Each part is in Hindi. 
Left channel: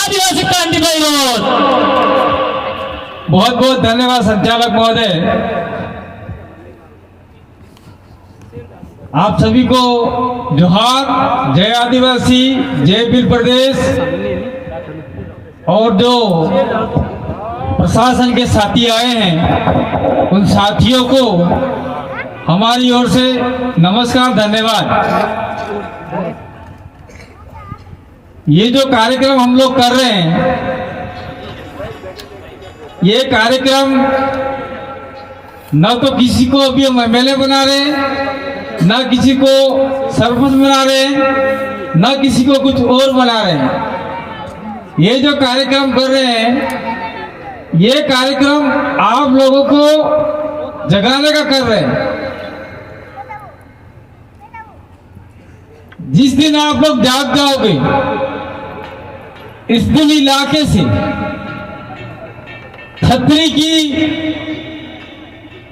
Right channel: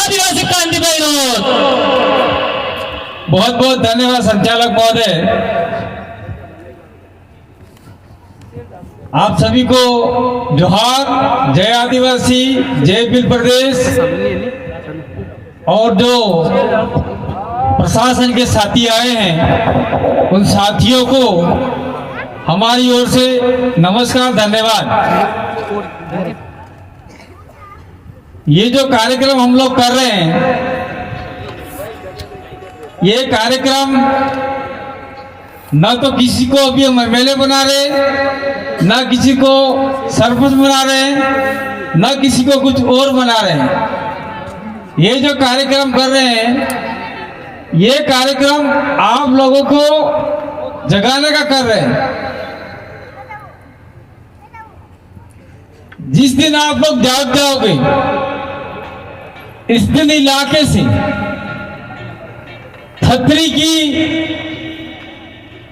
आदिवासी क्रांति विरोध। बहुत बहुत धन्यवाद संचालक महोदय। आप सभी को जोहार, जय आदिवासी, जय भील प्रदेश। और जो प्रशासन के साथी आए हैं उन साथियों को हमारी ओर से नमस्कार, धन्यवाद। ये जो कार्यक्रम हम लोग कर रहे हैं, ये कार्यक्रम न तो किसी को अभी हम एमएलए बना रहे, न किसी को सरपंच बना रहे, न किसी को कुछ और बना रहे हैं। ये जो कार्यक्रम कर रहे हैं, ये कार्यक्रम आप लोगों को जगाने का कर रहे हैं। जिस दिन आप लोग जाग जाओगे, इस दिन इलाके से छतरी की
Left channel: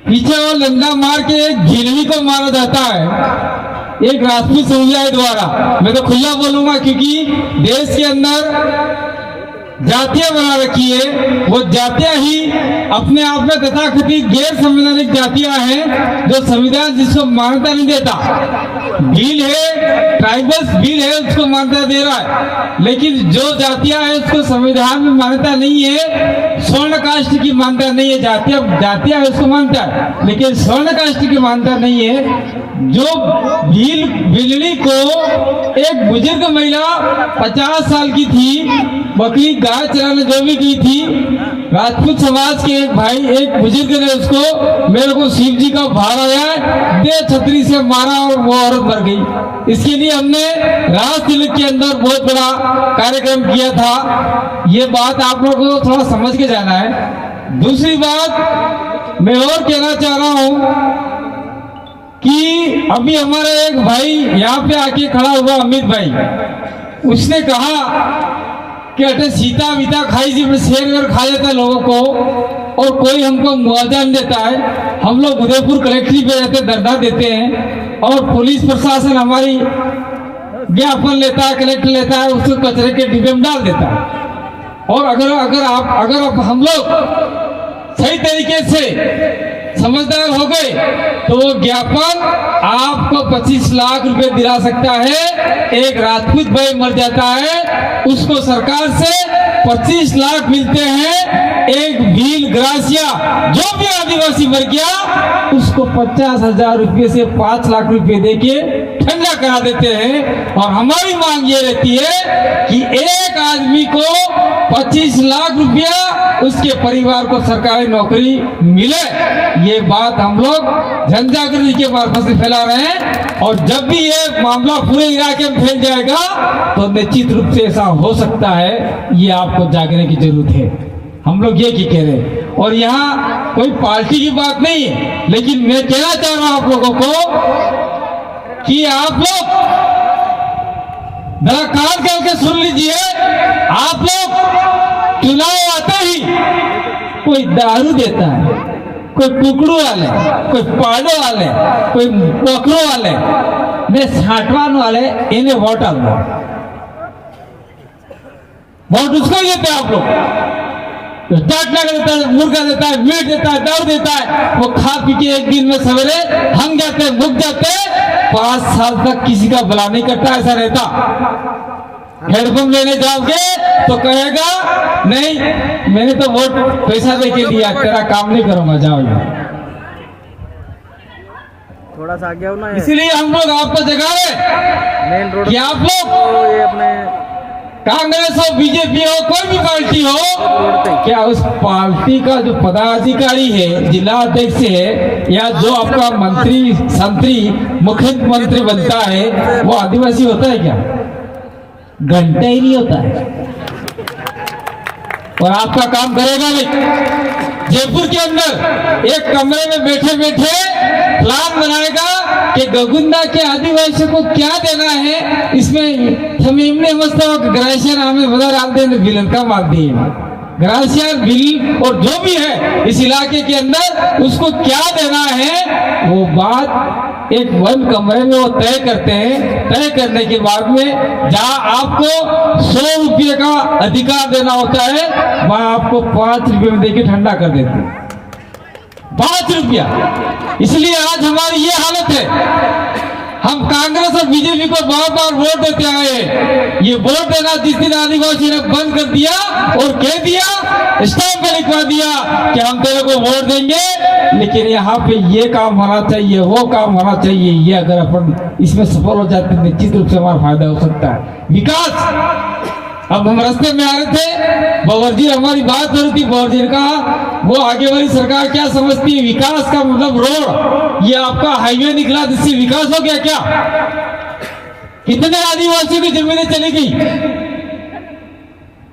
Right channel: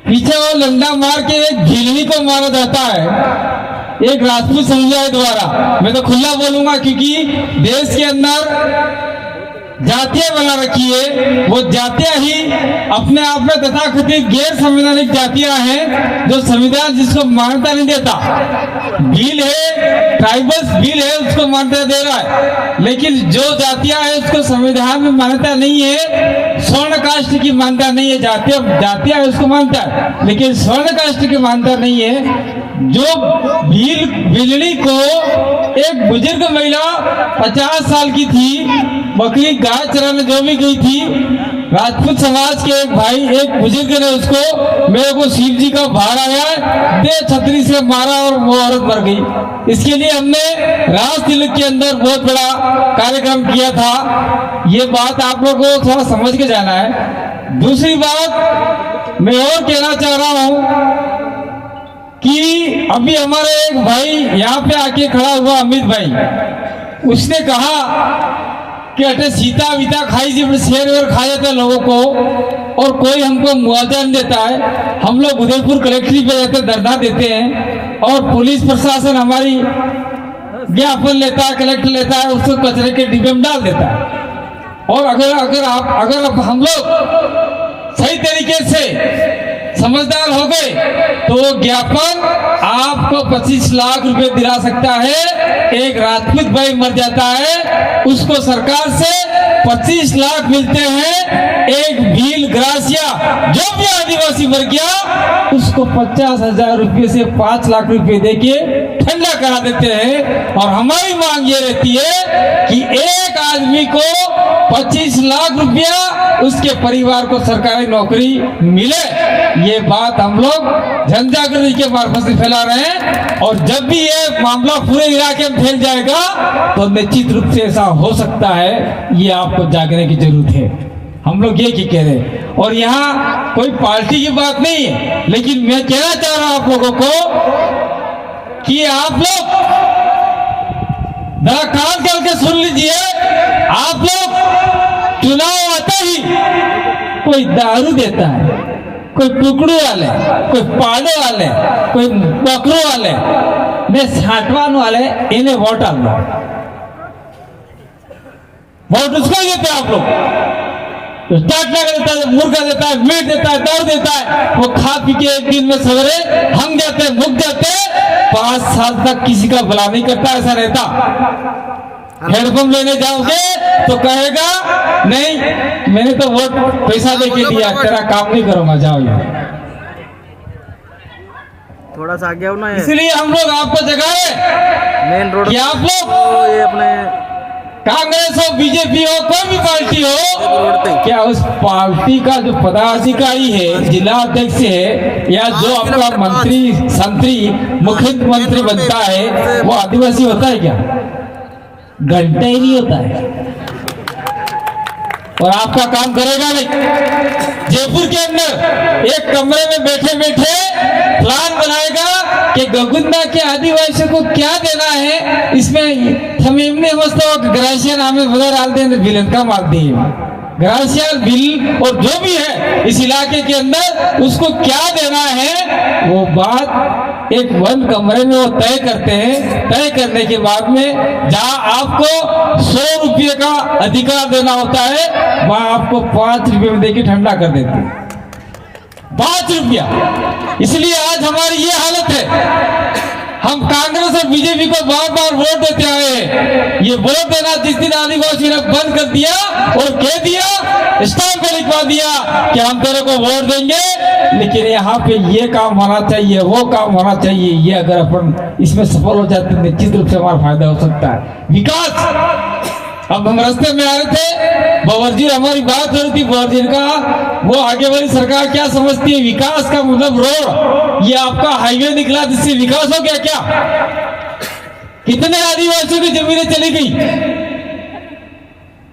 पीछे और लंडा मार के एक झिलनी को मारा जाता है, एक राजपूत समुदाय द्वारा। मैं तो खुला बोलूंगा क्योंकि देश के अंदर जातियां बना रखी है। वो जातियां ही अपने आप में तथाकथित गैर संवैधानिक जातियां हैं, जो संविधान जिसको मान्यता नहीं देता। भील है, ट्राइबल्स भील है, उसको मान्यता दे रहा है, लेकिन जो जातियां हैं उसको संविधान में मान्यता नहीं है। स्वर्ण कास्ट की मान्यता नहीं है। जातियां है उसको मानता है, लेकिन स्वर्ण कास्ट की मान्यता नहीं है। जो भीलनी को एक बुजुर्ग महिला 50 साल की थी, बकरी गाय चराने जमी गई थी। राजपूत समाज के एक भाई, एक बुजुर्ग ने उसको, मेरे को शिव जी का भार आया, दे छतरी से मारा और वो औरत मर गई। इसके लिए हमने राज तिलक के अंदर बहुत बड़ा कार्यक्रम किया था। ये बात आप लोगों को थोड़ा समझ के जाना है। दूसरी बात मैं और कहना चाह रहा हूं कि अभी हमारा एक भाई यहाँ पे आके खड़ा हुआ, अमित भाई, उसने कहा कि अटे सीता वीता खाई जी, शेर वेर खा जाता है लोगों को और कोई हमको मुआवजा नहीं देता है। हम लोग उदयपुर कलेक्ट्री पे जाकर धरना देते हैं और पुलिस प्रशासन हमारी ज्ञापन लेता है, कलेक्टर लेता है, उसको कचरे के डिब्बे में डाल देता है। और अगर हम लोग सही तरीके से समझदार हो गए तो वो ज्ञापन आपको 25 लाख रुपए दिला सकता है। एक राजपूत भाई मर जाता है, उसको सरकार से 25 लाख मिलते हैं। एक भील ग्रासिया जो भी आदिवासी मर गया, उसको 50,000 रुपये से 5 लाख रुपए देके ठंडा करा देते हैं। और हमारी मांग ये रहती है कि एक आदमी को 25 लाख रुपया उसके परिवार को सरकारी नौकरी मिले। ये बात हम लोग जन जागृति के मार्फत से फैला रहे हैं। और जब भी ये मामला पूरे इलाके में फैल जाएगा तो निश्चित रूप से ऐसा हो सकता है। ये आपको जागने की जरूरत है। हम लोग ये कह रहे हैं। और यहाँ कोई पार्टी की बात नहीं है, लेकिन मैं कहना चाह रहा हूं आप लोगों को कि आप लोग जरा कान खोल के सुन लीजिए। आप लोग चुनाव आता ही कोई दारू देता है, कोई टुकड़ू वाले, कोई पाड़े वाले, कोई पकड़ो वाले, मैं साठवान वाले, इन्हें वोट आ लो। वोट उसको ही देते हैं आप लोग। टाटना देता है, मुर्गा देता है, मीट देता है, दारू देता है। वो खा पी के एक दिन में सवेरे हम जाते हैं, मुक जाते हैं। 5 साल तक किसी का भला नहीं करता, ऐसा रहता। हेडपंप लेने जाओगे तो कहेगा नहीं, मैंने तो वोट पैसा दे के दिया, तेरा काम नहीं करूंगा, जाओ। थोड़ा सा आगे हो ना। इसलिए हम लोग आपको जगाए मेन रोड कि आप लोग ये अपने कांग्रेस हो, बीजेपी हो, कोई भी पार्टी हो, क्या उस पार्टी का जो पदाधिकारी है, जिला अध्यक्ष है, या जो आपका मंत्री संतरी मुख्यमंत्री बनता है, वो आदिवासी होता है क्या? घंटा ही नहीं होता है। और आपका काम करेगा नहीं। जयपुर के अंदर एक कमरे में बैठे बैठे प्लान बनाएगा कि गगुंदा के आदिवासियों को क्या देना है। इसमें हम इमने समझते हो कि ग्रासिया नाम में बदल डाल दें, बिलन का मार दिए। ग्रासिया बिल और जो भी है इस इलाके के अंदर, उसको क्या देना है, वो बात एक वन कमरे में वो तय करते हैं। तय करने के बाद में जहाँ आपको 100 रुपये का अधिकार देना होता है, वहाँ आपको 5 रुपये में देके ठंडा कर देते हैं। 5 रुपया। इसलिए आज हमारी ये हालत है। हम कांग्रेस और बीजेपी को बार बार वोट देते आए। ये वोट देना जिस दिन आदिवासी ने बंद कर दिया और कह दिया, स्टाम्प पर लिखवा दिया कि हम तेरे को वोट देंगे, लेकिन यहाँ पे ये काम होना चाहिए, वो काम होना चाहिए, ये अगर अपन इसमें सफल हो जाते हैं निश्चित रूप से हमारा फायदा हो सकता है। विकास। अब हम रास्ते में आ रहे थे, बवर्जी हमारी बात हो रही थी। बवर्जी ने कहा वो आगे वाली सरकार क्या समझती है, विकास का मतलब रोड, ये आपका हाईवे निकला जिससे विकास हो गया क्या? कितने आदिवासियों की जमीनें चली गई?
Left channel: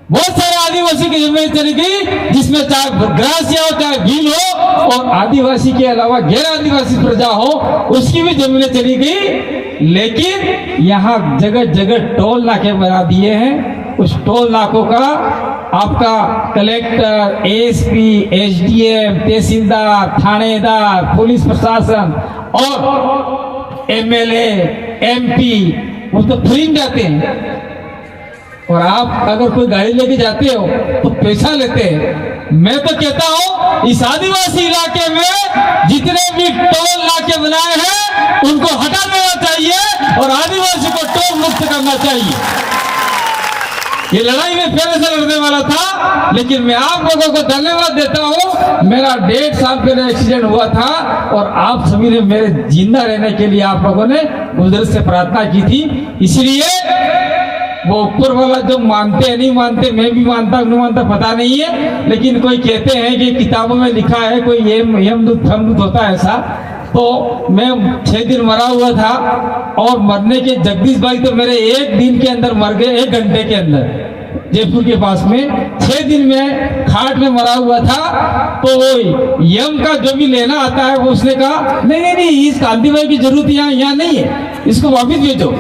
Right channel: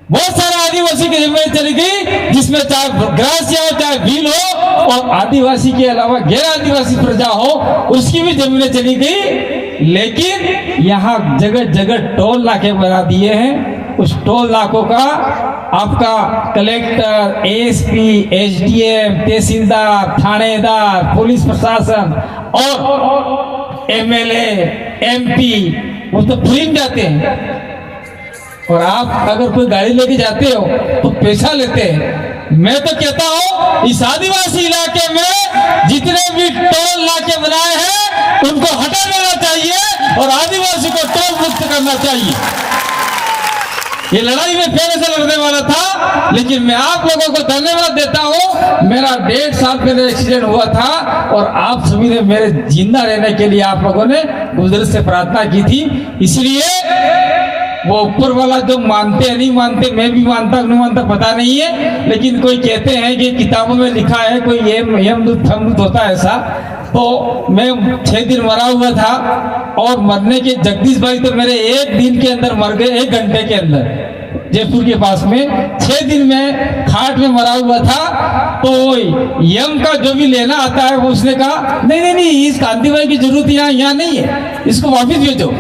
बहुत सारे आदिवासी की जमीनें चली गई, जिसमें चाहे ग्रासिया हो चाहे भील हो, और आदिवासी के अलावा गैर आदिवासी प्रजा हो उसकी भी जमीनें चली गई। लेकिन यहाँ जगह जगह टोल नाके बना दिए हैं। उस टोल नाकों का आपका कलेक्टर, एएसपी, एसडीएम, तहसीलदार, थानेदार, पुलिस प्रशासन और एमएलए, एमपी वो तो फ्री में जाते हैं। और आप अगर कोई गाड़ी लेके जाते हो तो पैसा लेते हैं। मैं तो कहता हूँ इस आदिवासी इलाके में जितने भी टोल नाके बनाए हैं उनको हटा देना चाहिए और आदिवासी को टोल मुक्त करना चाहिए। ये लड़ाई में पहले से लड़ने वाला था, लेकिन मैं आप लोगों को धन्यवाद देता हूँ। मेरा 1.5 साल पहले एक्सीडेंट हुआ था और आप सभी ने मेरे जिंदा रहने के लिए आप लोगों ने गुजर से प्रार्थना की थी। इसलिए वो ऊपर वाला जो मानते हैं नहीं मानते, मैं भी मानता नहीं मानता पता नहीं है, लेकिन कोई कहते हैं कि किताबों में लिखा है कोई यमदूत फमदूत होता है ऐसा। तो मैं 6 दिन मरा हुआ था और मरने के जगदीश भाई तो मेरे 1 दिन के अंदर मर गए, 1 घंटे के अंदर जयपुर के पास में। 6 दिन में खाट में मरा हुआ था। तो यम का जो भी लेना आता है वो उसने कहा नहीं इस कांति भाई की जरूरत यहाँ नहीं है, इसको वापिस भेजो,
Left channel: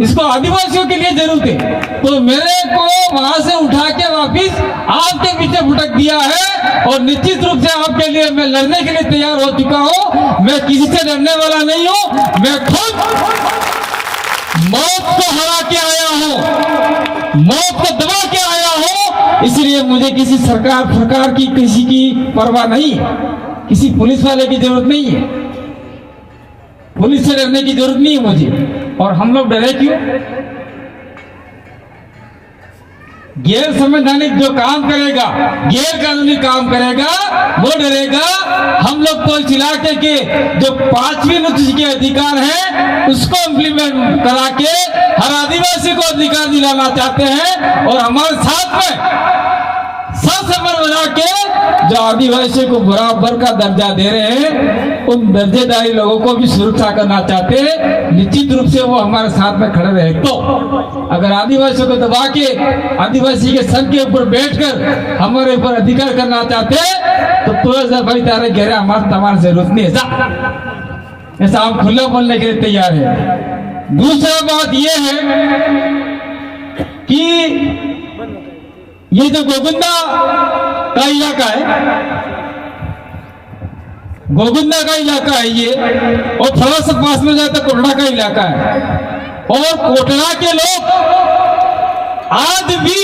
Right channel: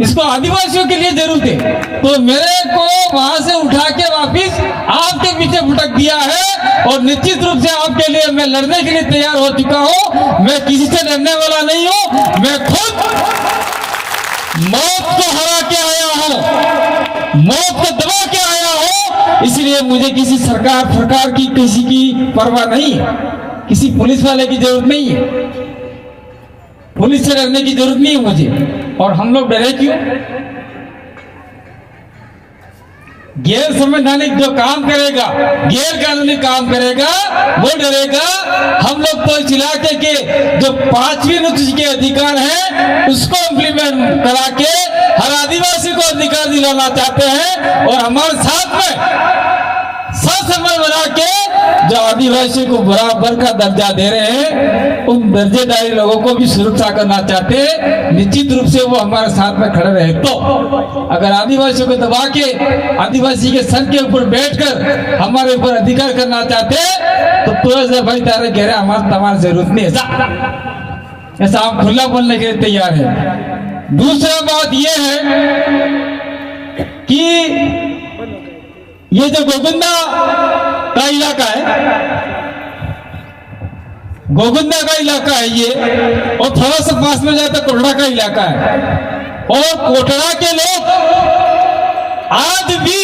इसको आदिवासियों के लिए जरूरत है। तो मेरे को वहां से उठा के वापिस आपके पीछे भटक दिया है और निश्चित रूप से आपके लिए मैं लड़ने के लिए तैयार हो चुका हूं। मैं किसी से डरने वाला नहीं हूं। मैं खुद मौत को हरा के आया हूं, मौत को दबा के आया हूं। इसलिए मुझे किसी सरकार की किसी की परवाह नहीं है, किसी पुलिस वाले की जरूरत नहीं है, पुलिस से डरने की जरूरत नहीं है मुझे। और हम लोग डरे क्यों? गैर संवैधानिक जो काम करेगा, गैर कानूनी काम करेगा, वो डरेगा। हम लोग तो इस इलाके के जो 5वीं अनुसूची के अधिकार हैं उसको इम्प्लीमेंट करा के हर आदिवासी को अधिकार दिलाना चाहते हैं और हमारे साथ में ससमन बना के जो आदिवासी को बराबर का दर्जा दे रहे हैं उन दर्जेदारी लोगों को भी सुरक्षा करना चाहते हैं। निश्चित रूप से वो हमारे साथ में खड़े रहे। तो अगर आदिवासियों को दबा के आदिवासी के सर के ऊपर बैठकर हमारे ऊपर अधिकार करना चाहते हैं तो तुरंत भाई तारे कह रहे हमारी जरूरत नहीं है, ऐसा हम खुला बोलने के लिए तैयार है। दूसरा बात यह है कि ये जो गोविंदा का इलाका है, गोविंदा का इलाका है ये, और थोड़ा सा पास में जाए तो कोटड़ा का इलाका है। और कोटड़ा के लोग आज भी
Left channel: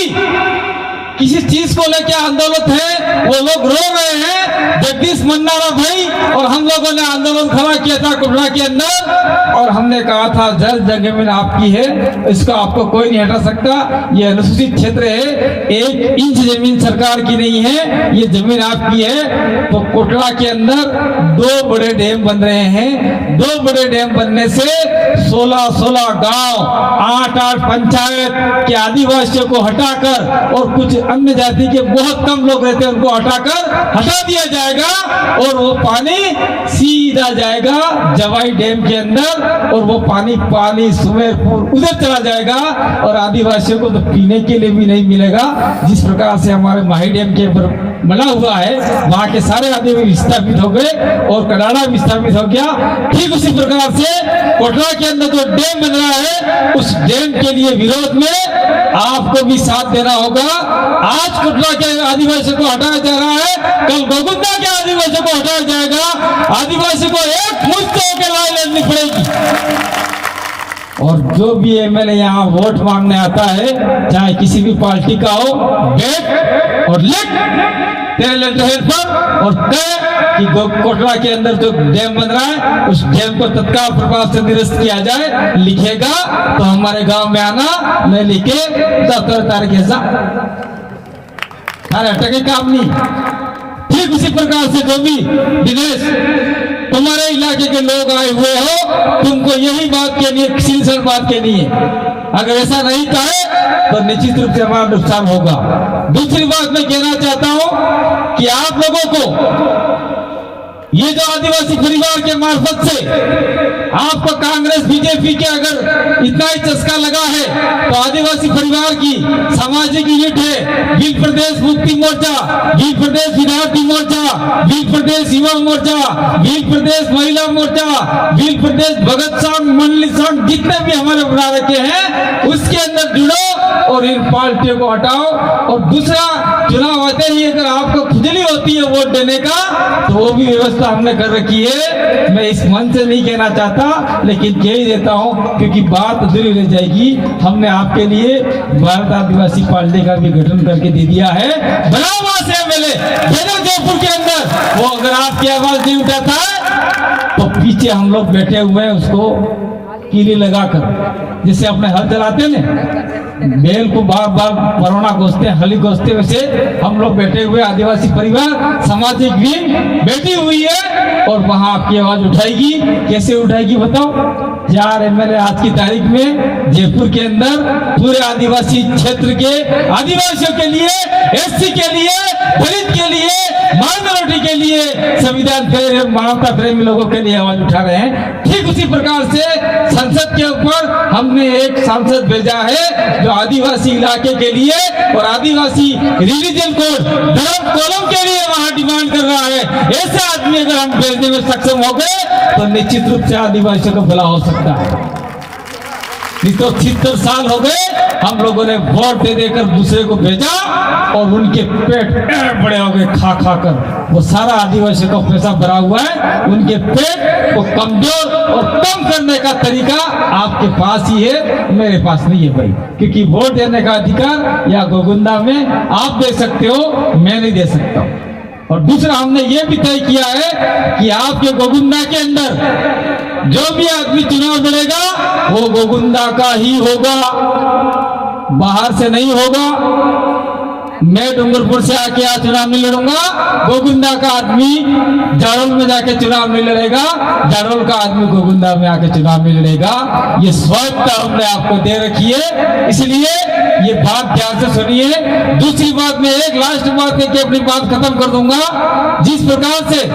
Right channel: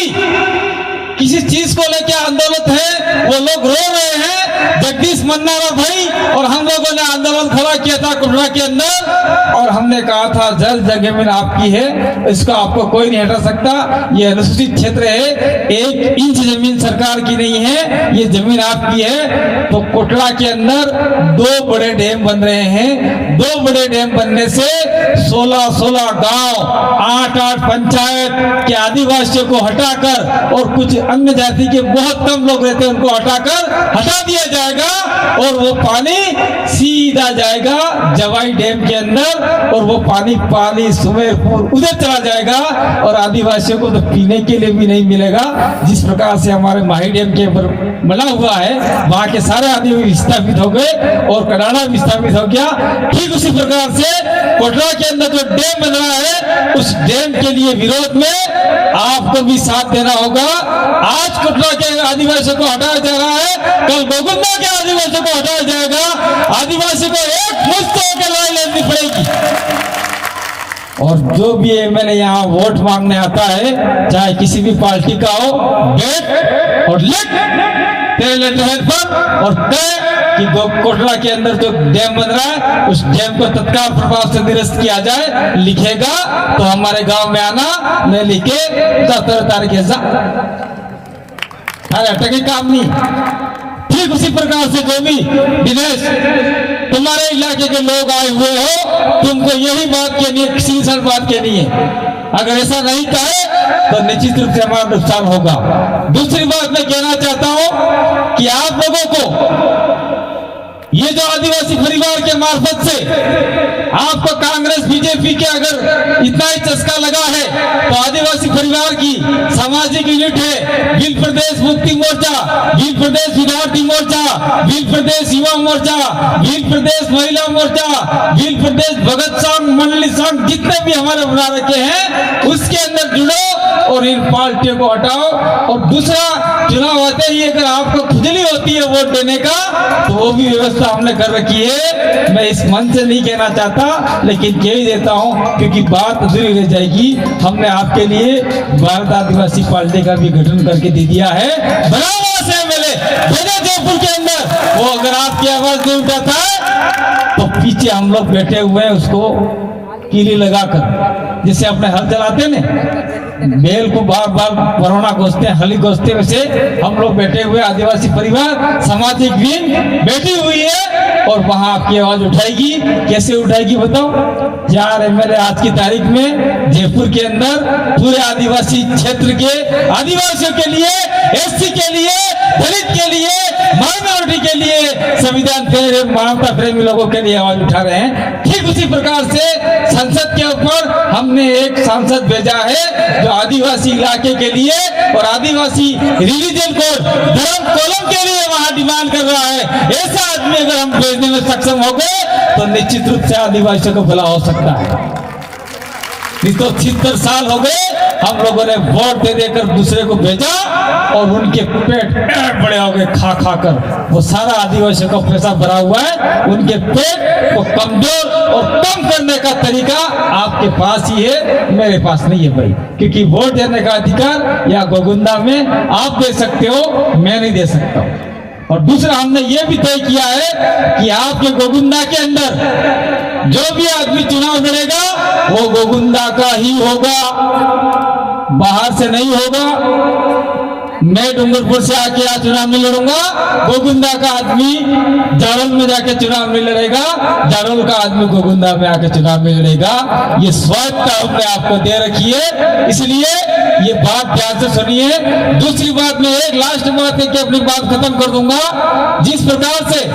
किसी चीज को लेकर आंदोलन है, वो लोग रो रहे हैं। जगदीश मन्नारा भाई और हम लोगों ने आंदोलन खड़ा किया था कोटड़ा के अंदर और हमने कहा था जल जमीन आपकी है, इसका आपको कोई नहीं हटा सकता। ये अनुसूचित क्षेत्र है, 1 इंच जमीन सरकार की नहीं है, ये जमीन आपकी है। तो कोटड़ा के अंदर 2 बड़े डैम बन रहे हैं। 2 बड़े डैम बनने से 16 गांव, 8 पंचायत के आदिवासियों को हटाकर और कुछ अन्य जाति के बहुत कम लोग रहते हैं उनको हटा दिया जाएगा और वो पानी सीधा जाएगा जवाई डैम के अंदर और वो पानी सुमेरपुर उधर चला जाएगा और आदिवासियों को तो पीने के लिए भी नहीं मिलेगा। जिस प्रकार से हमारे माही डैम के ऊपर बना हुआ है वहां के सारे आदिवासी विस्थापित हो गए और कनाडा विस्थापित हो गया। ठीक उसी प्रकार से कोटड़ा के अंदर जो डैम बन रहा है उस डैम के लिए विरोध में आपको भी साथ देना होगा। आज कटरा के आदिवासियों को हटाया जा रहा है, कल गोगुंदा के आदिवासियों को हटाया जाएगा। आदिवासी को एक मुश्त होकर लाइन लेनी पड़ेगी। और जो भी एमएलए यहाँ वोट मांगने आता है, चाहे किसी भी पार्टी का हो, देख और लिख तेरे लेटर पर और तय कि कोटरा के अंदर जो डैम बन रहा है उस डैम को तत्काल प्रभाव से निरस्त किया जाए। लिखेगा तो हमारे गांव में आना, नहीं लिखे तो 17 तारीख ऐसा टके काम नहीं। ठीक उसी प्रकार से जो भी दिनेश तुम्हारे इलाके के लोग आए हुए हो, तुमको यही बात कहनी है, किसी सर बात कहनी है। अगर ऐसा नहीं कहे तो निश्चित रूप से हमारा नुकसान होगा। दूसरी बात मैं कहना चाहता हूं कि आप लोगों को ये जो आदिवासी परिवार के मार्फत से आपको कांग्रेस बीजेपी के अगर इतना ही चस्का लगा है, तो आदिवासी परिवार की सामाजिक यूनिट है भील प्रदेश मुक्ति मोर्चा, भील प्रदेश विद्यार्थी मोर्चा, भील प्रदेश युवा मोर्चा, भील प्रदेश महिला मोर्चा, भील प्रदेश भगत संघ, मंडली संघ, जितने भी हमारे बना रखे हैं उसके अंदर जुड़ो और इन पार्टियों को हटाओ। और दूसरा, चुनाव आते ही अगर आपको खुजली होती है वोट देने का, तो वो भी व्यवस्था हमने कर रखी है। मैं इस मन से नहीं कहना चाहता, लेकिन कह ही देता हूं क्योंकि बात अधूरी रह जाएगी। हमने आपके लिए भारत आदिवासी पार्टी का भी गठन करके दे दिया है। बनाओ वहां से एमएलए भेजो जयपुर के अंदर। वो अगर आपकी आवाज नहीं उठाता है तो पीछे हम लोग बैठे हुए हैं, उसको कीली लगाकर, जैसे अपने हल चलाते ना, बेल को बार बार कोरोना घोषते हली घोषते, वैसे हम लोग बैठे हुए आदिवासी परिवार सामाजिक विंग बैठी हुई है और वहां आपकी आवाज उठाएगी। कैसे उठाएगी बताओ? 4 एमएलए आज की तारीख में जयपुर के अंदर पूरे आदिवासी क्षेत्र के आदिवासियों के लिए, एससी के लिए, दलित के लिए, माइनॉरिटी के लिए, संविधान प्रेमी, मानवता प्रेमी लोगों के लिए आवाज उठा रहे हैं। ठीक उसी प्रकार से संसद के ऊपर हमने एक सांसद भेजा है जो आदिवासी इलाके के लिए और आदिवासी रिलीजन कोड, धर्म कॉलम के लिए वहां डिमांड कर रहा है। ऐसा आदमी अगर हम भेजने में सक्षम हो गए तो निश्चित रूप से आदिवासियों को भला हो सकता है। नहीं तो 76 साल हो गए हम लोगों ने वोट दे देकर दूसरे को भेजा और उनके पेट बड़े हो गए खा खा कर। वो सारा आदिवासियों का पैसा भरा हुआ है, उनके पेट को कमजोर और कम करने का तरीका आपके पास ही है, मेरे पास नहीं है भाई। क्योंकि वोट देने का अधिकार या गोगुंदा में आप दे सकते हो, मैं नहीं दे सकता। और दूसरा, हमने ये भी तय किया है कि आपके गोगुंदा के अंदर जो भी आदमी चुनाव लड़ेगा वो गोगुंदा का ही होगा, बाहर से नहीं होगा। मैं डूंगरपुर से आके आज चुनाव नहीं लड़ूंगा, गोगुंदा का आदमी जाडोल में जाके चुनाव नहीं लड़ेगा, जाडोल का आदमी गोगुंदा में आके चुनाव नहीं लड़ेगा। ये स्वायत्ता हमने आपको दे रखी है, इसलिए ये बात ध्यान से सुनिए। दूसरी बात, मैं एक लास्ट बात है कि अपनी बात खत्म कर दूंगा। जिस प्रकार से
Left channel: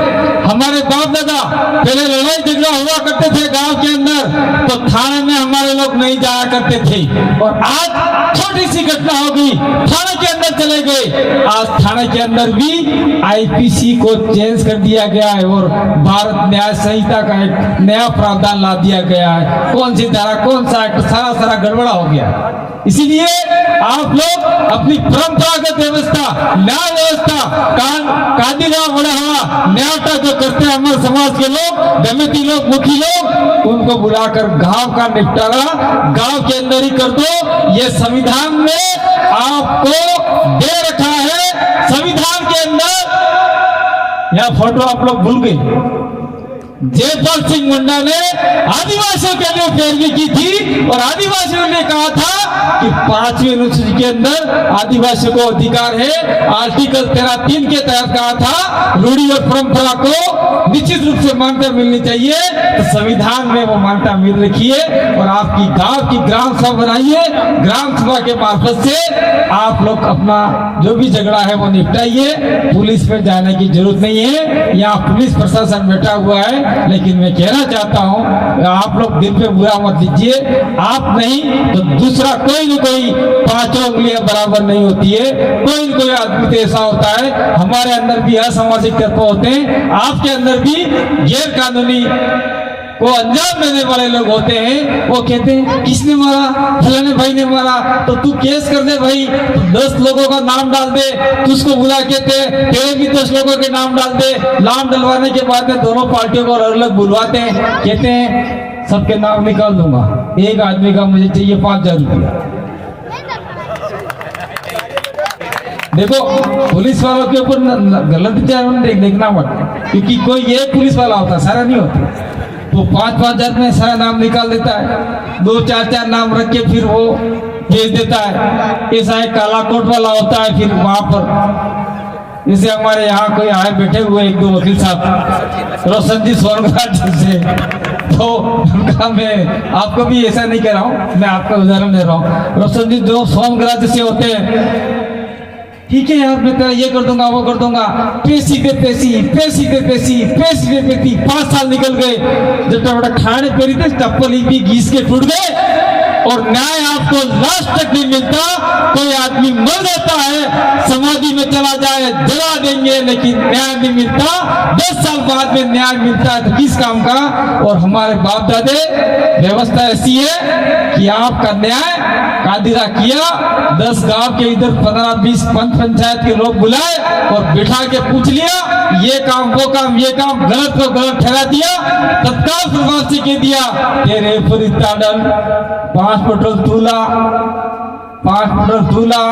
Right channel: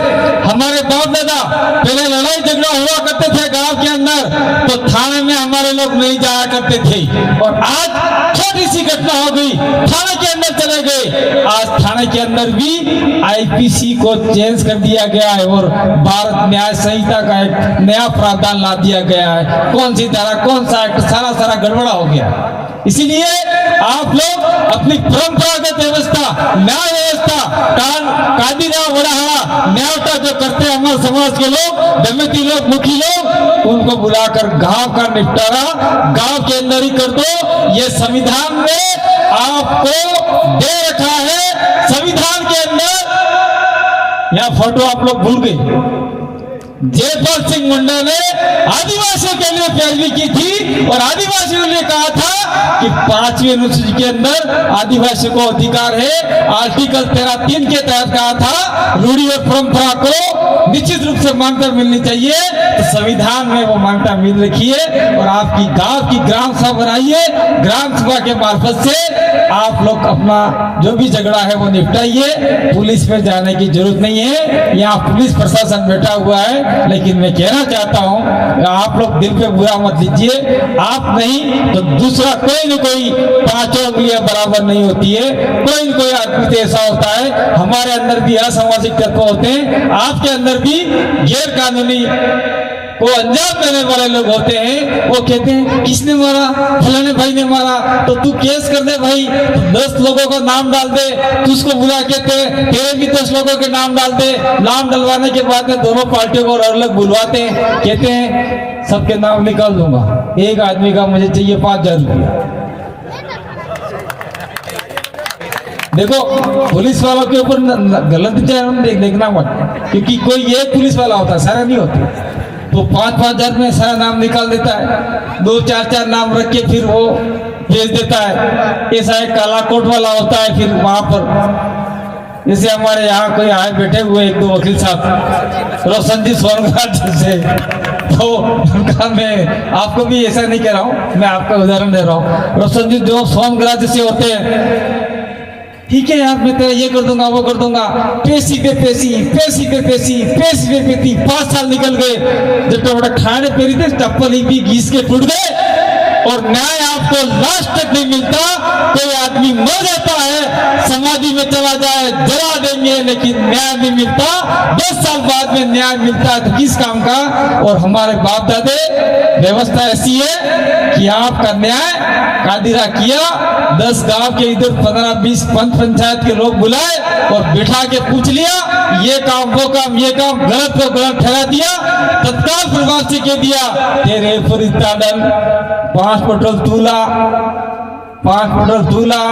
हमारे बाप दादा पहले लड़ाई झगड़ा हुआ करते थे गांव के अंदर, तो थाने में हमारे लोग नहीं जाया करते थे, और आज छोटी सी घटना हो गई थाने के अंदर चले गए। आज थाने के अंदर भी आईपीसी को चेंज कर दिया गया है और भारत न्याय संहिता का एक नया प्रावधान ला दिया गया है। कौन सी धारा, कौन सा एक्ट, सारा गड़बड़ा हो गया। इसीलिए आप लोग अपनी परंपरागत व्यवस्था, न्याय व्यवस्था, कादिरा बड़ा न्यायता जो करते हैं हमारे समाज के लोग, दमिती लोग, मुखी लोग, उनको बुलाकर गांव का निपटारा गांव के अंदर ही कर दो। ये संविधान ने आपको दे रखा है। संविधान के अंदर यह फोटो आप लोग भूल गए, जयपाल सिंह मुंडा ने आदिवासियों के लिए पैरवी की थी और आदिवासियों ने कहा था कि 5वीं अनुसूची के अंदर आदिवासियों को अधिकार है। आर्टिकल 13(3) के तहत कहा था रूढ़ी और परंपरा को निश्चित रूप से मान्यता मिलनी चाहिए, तो संविधान में वो मान्यता मिल रखी है। और आपकी गांव की ग्राम सभा बनाइए, ग्राम सभा के मार्फत से आप लोग अपना जो भी झगड़ा है वो निपटाइए। पुलिस में जाने की जरूरत नहीं है, यहाँ पुलिस प्रशासन बैठा हुआ है। लेकिन मैं कहना चाहता हूँ आप लोग दिल पे बुरा मत लीजिए, आप नहीं तो दूसरा कोई न कोई 5 उंगलियां बराबर नहीं होती है। कोई न कोई आदमी तो ऐसा होता है, हमारे अंदर भी असामाजिक तत्व होते हैं, आपके अंदर भी गैर कानूनी वो अंजाम देने वाले लोग होते हैं, वो कहते हैं किसने मारा, फलाने भाई ने मारा, तो तू केस कर दे भाई, 10 लोगों का नाम डाल दे, तुझको बुला कहते हैं तेरे भी 10 लोगों के नाम डाल दे। नाम डलवाने के बाद में दोनों पार्टियों को अलग अलग बुलवाते हैं, कहते हैं सबके नाम निकाल दूंगा, एक आदमी का मुझे चाहिए 5,000 रुपया। देखो पुलिस वालों के ऊपर गलत विचार देखना मत, क्योंकि कोई एक पुलिस वाला होता है, सारा नहीं होता। तो 5,000 में सारा नाम निकाल देता है, 2-4 नाम रख के फिर वो भेज देता है। ऐसा एक काला कोट वाला होता है, फिर वहां पर जैसे हमारे यहाँ कोई आए बैठे हुए 1-2 वकील साहब, रोशन जी सोनगढ़ से, तो उनका मैं आपको भी ऐसा नहीं कह रहा हूँ, मैं आपका उदाहरण दे रहा हूँ। रोशन जी जो सोनगढ़ से होते हैं, ठीक है यार मैं तेरा ये कर दूंगा वो कर दूंगा, पैसी पे पैसी, पैसी पे पैसी, पैसी पे पैसी, 5 साल निकल गए, जब तक खाने पेरी थे चप्पल ही भी घीस के टूट गए, और न्याय आपको लास्ट तक नहीं मिलता। कोई आदमी मर जाता है, समाधि में चला जाए, जला देंगे, लेकिन न्याय नहीं मिलता। 10 साल बाद में न्याय मिलता है तो किस काम का। और हमारे बाप दादे व्यवस्था ऐसी है कि आपका न्याय कादिरा किया, 10 गांव के इधर 15-20 पंचायत के लोग बुलाए और बिठा के पूछ लिया, ये काम वो काम ये काम, गलत को गलत ठहरा दिया, तत्काल प्रभाव से कह दिया तेरे पूरी ताडन 5 पेट्रोल तूला, 5 पेट्रोल तूला,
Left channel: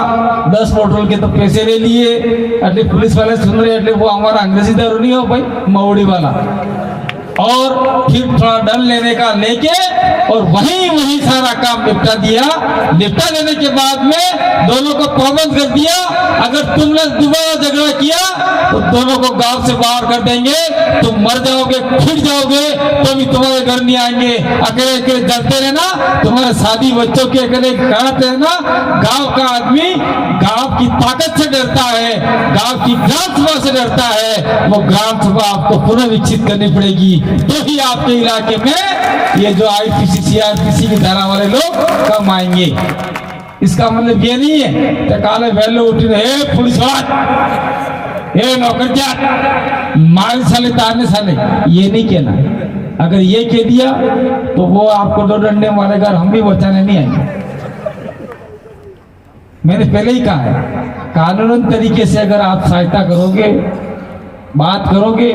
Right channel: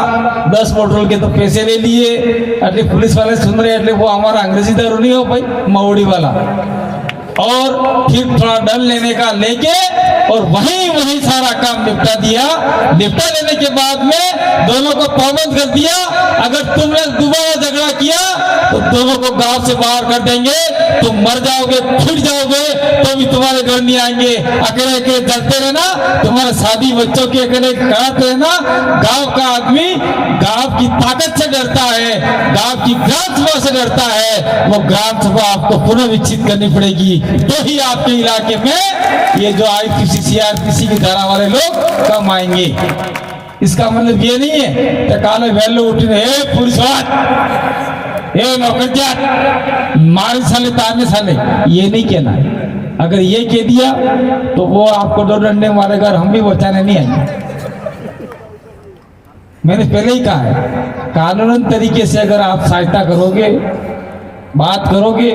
10 पेट्रोल के तो पैसे ले लिए। એટલે पुलिस वाले सुन रहे, એટલે वो हमारा अंग्रेजी दारू नहीं हो भाई, मऊड़ी वाला। और फिर थोड़ा दंड लेने का लेके और वहीं सारा काम निपटा दिया। निपटा देने के बाद में दोनों को पाबंद कर दिया, अगर तुमने दोबारा झगड़ा किया तो दोनों को गांव से बाहर कर देंगे, तुम मर जाओगे, फिर जाओगे, तो भी तुम्हारे घर नहीं आएंगे, अकेले अकेले जलते रहना, तुम्हारे शादी बच्चों के अकेले कराते रहना। गांव का आदमी गांव की ताकत से डरता है, गांव की ग्राम सभा से डरता है, वो ग्राम सभा आपको पुनः विकसित करनी पड़ेगी, तो ही आपके इलाके में ये जो IPC CRPC की धारा वाले लोग कम आएंगे। इसका मतलब ये नहीं है तो काले वैलो उठी रहे पुलिस वाले नौकर मारे साले तारने साले, ये नहीं कहना। अगर ये कह दिया तो वो आपको 2 डंडे मारेगा, हम भी बचाने नहीं आएंगे। मैंने पहले ही कहा है, कानूनन तरीके से अगर आप सहायता करोगे, बात करोगे,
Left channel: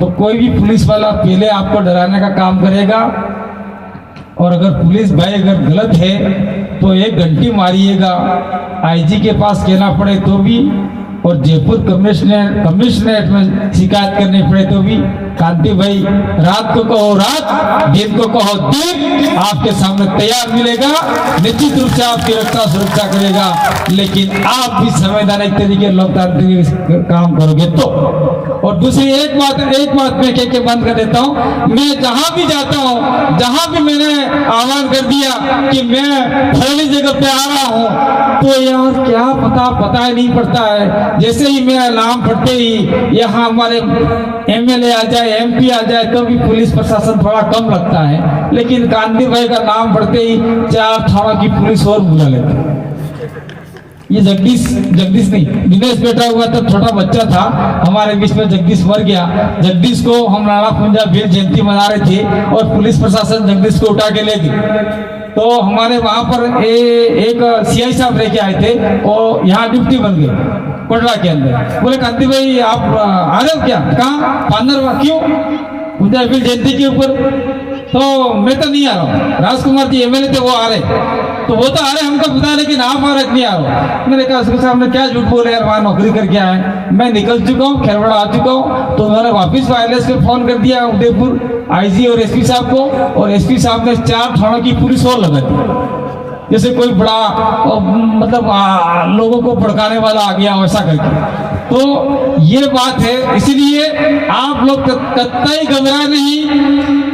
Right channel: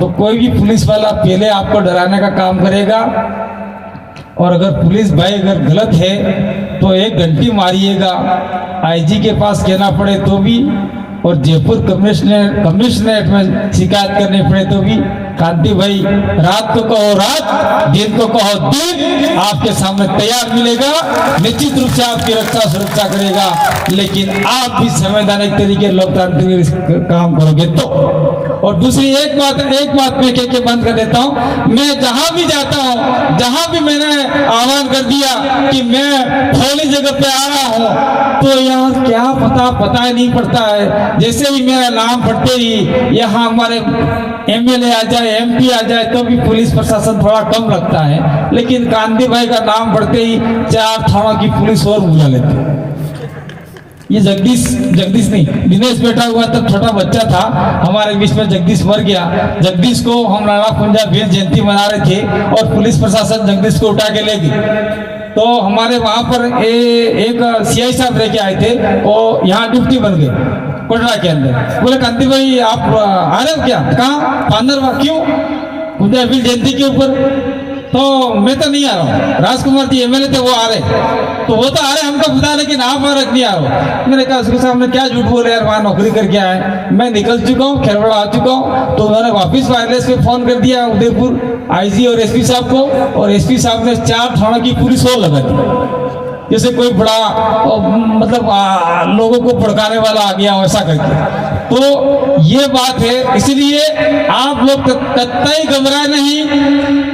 तो कोई भी पुलिस वाला पहले आपको डराने का काम करेगा। और अगर पुलिस भाई अगर गलत है तो 1 घंटी मारिएगा, IG के पास कहना पड़े तो भी, और जयपुर कमिश्नरेट में शिकायत करनी पड़े तो भी। कांति भाई रात को कहो रात, दिन को कहो दिन, आपके सामने तैयार मिलेगा, निश्चित रूप से आपकी रक्षा सुरक्षा करेगा। लेकिन आप भी संवैधानिक तरीके लोकतांत्रिक काम करोगे तो। और दूसरी एक बात मैं कह के बंद कर देता हूँ, मैं जहां भी जाता हूँ, जहां भी मैंने आह्वान कर दिया कि मैं फलानी जगह पे आ रहा हूँ, तो यार क्या पता ही नहीं पड़ता है। जैसे ही मेरा नाम पढ़ते ही यहाँ हमारे MLA आ जाए, MP आ जाए, तो भी पुलिस प्रशासन थोड़ा कम लगता है, लेकिन गांधी भाई का नाम पढ़ते ही 4 थाना की पुलिस और बुला लेते। ये जगदीश नहीं, दिनेश बैठा हुआ तब छोटा बच्चा था हमारे बीच में, जगदीश मर गया। जगदीश को हम नाना पुंजा वीर जयंती मना रहे थे और पुलिस प्रशासन जगदीश को उठा के ले गई। तो हमारे वहां पर एक CI साहब लेके आए थे, वो यहाँ डिप्टी बन गए कोटरा के अंदर। बोले कांति भाई आप आ रहे हो क्या? कहाँ? पांडर। क्यों? पुंजा वीर जयंती के ऊपर। तो मैं तो नहीं आ रहा हूँ, राजकुमार जी MLA थे वो आ रहे, तो वो तो आ रहे हमको पता है, लेकिन आप भारत नहीं आ रहा। मैंने कहा उसके सामने क्या झूठ बोल रहे यार, वहां नौकरी करके आए, मैं निकल चुका हूँ, खेरवाड़ा आ चुका हूँ। तो उन्होंने वापिस वायरलेस पे फोन कर दिया उदयपुर IG और SP साहब को, और SP साहब ने 4 थानों की पुलिस और लगा दी, जैसे कोई बड़ा मतलब लोगों को भड़काने वाला आ गया वैसा करके। तो ये बात है, इसलिए आप लोग कतई घबराए नहीं,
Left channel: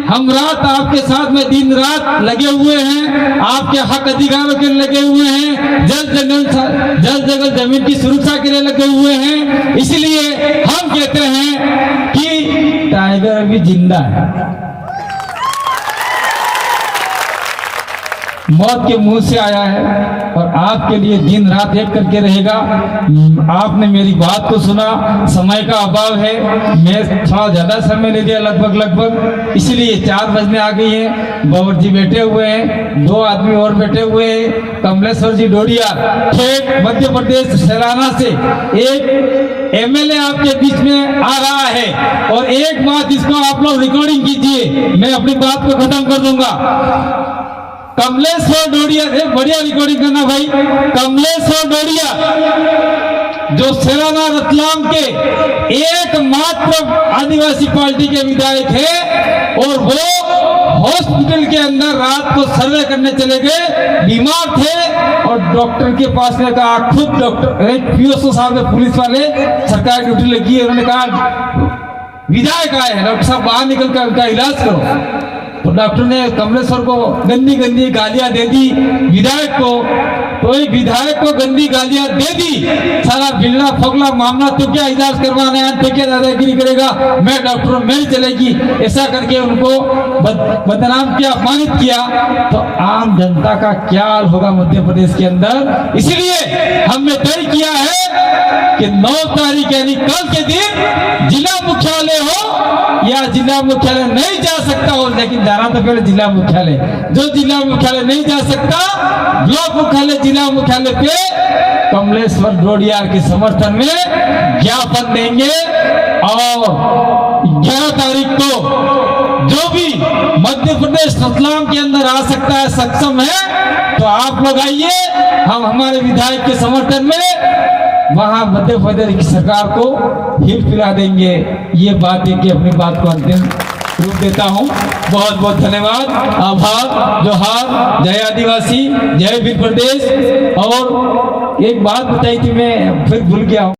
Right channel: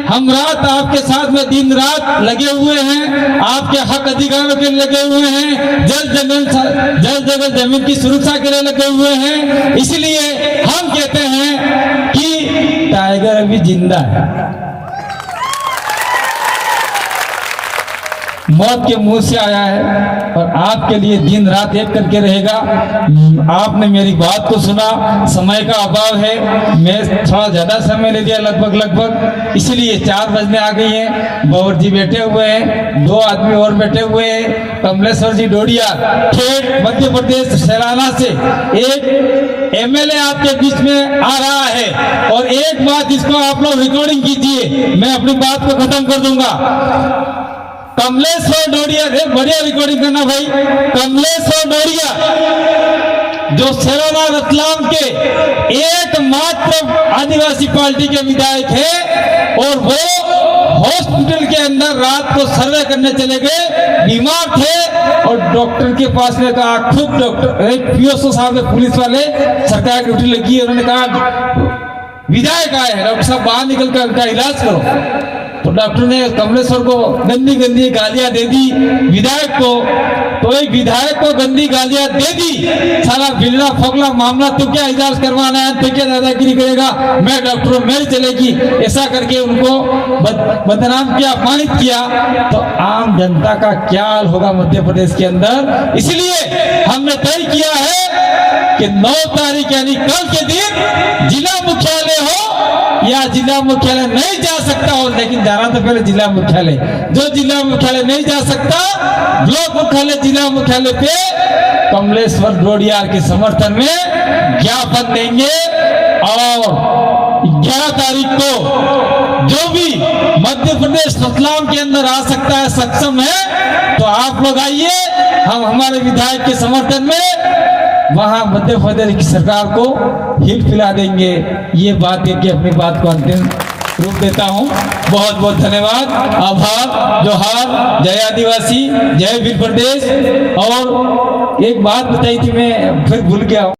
हम रात आपके साथ में दिन रात लगे हुए हैं, आपके हक अधिकारों के लिए लगे हुए हैं, जल जगह जमीन की सुरक्षा के लिए लगे हुए हैं। इसलिए हम कहते हैं कि टाइगर अभी जिंदा है, मौत के मुंह से आया है और आपके लिए दिन रात एक करके रहेगा। आपने मेरी बात को सुना, समय का अभाव है, मैं थोड़ा ज्यादा समय ले लिया लगभग, इसलिए 4 बजने आ गई है। बाबर जी बैठे हुए हैं, 2 आदमी और बैठे हुए हैं। कमलेश्वर जी डोडिया ठेठ मध्य प्रदेश सैलाना से एक एमएलए आपके बीच में आ रहा है। और एक बात इसको आप लोग रिकॉर्डिंग कीजिए, मैं अपनी बात को खत्म कर दूंगा। कमलेश्वर डोडिया, बढ़िया रिकॉर्डिंग करना भाई। कमलेश्वर डोडिया जो सैलाना रतलाम के एकमात्र आदिवासी पार्टी के विधायक है और वो हॉस्पिटल के अंदर रात को सर्वे करने चले गए, बीमार थे और डॉक्टर के पास में कहा, खुद डॉक्टर पीओसओ साहब ने, पुलिस वाले, सरकार ड्यूटी लगी है, उन्होंने कहा विधायक आए हैं, डॉक्टर साहब बाहर निकल कर उनका इलाज करो। तो डॉक्टर ने कमलेश्वर को गंदी गंदी गालियां दे दी विधायक को। तो एक विधायक को गंदी गालियां दे दी, साला बिगड़ा फोगला मामला, तो क्या इलाज करवाना है, तो क्या दादागिरी करेगा, मैं डॉक्टर हूं, मेरी चलेगी, ऐसा करके उनको बदनाम किया, अपमानित किया। तो आम जनता का क्या हाल होगा मध्य प्रदेश के अंदर। इसलिए हमने तय किया है कि 9 तारीख यानी कल के दिन जिला मुख्यालय हो या जिला मुख्यालय नहीं जा सकता हो, लेकिन जाना तो पहले जिला मुख्यालय। जो जिला मुख्यालय नहीं जा सकता, ब्लॉक मुख्यालय, जिला मुख्यालय पे कमलेश्वर डोडिया के समर्थन में ज्ञापन देंगे। और 11 तारीख को जो भी मध्य प्रदेश रतलाम के अंदर आ सकता है, सक्षम है, तो आप लोग आइए, हम हमारे विधायक के समर्थन में वहां मध्य प्रदेश की सरकार को हिल फिरा देंगे। ये बात है कि अपनी बात को अंतिम रूप देता हूं। बहुत बहुत धन्यवाद, आभार, जोहार, जय आदिवासी, जय वीर प्रदेश। और एक बात बताई थी, मैं फिर भूल गया हूं।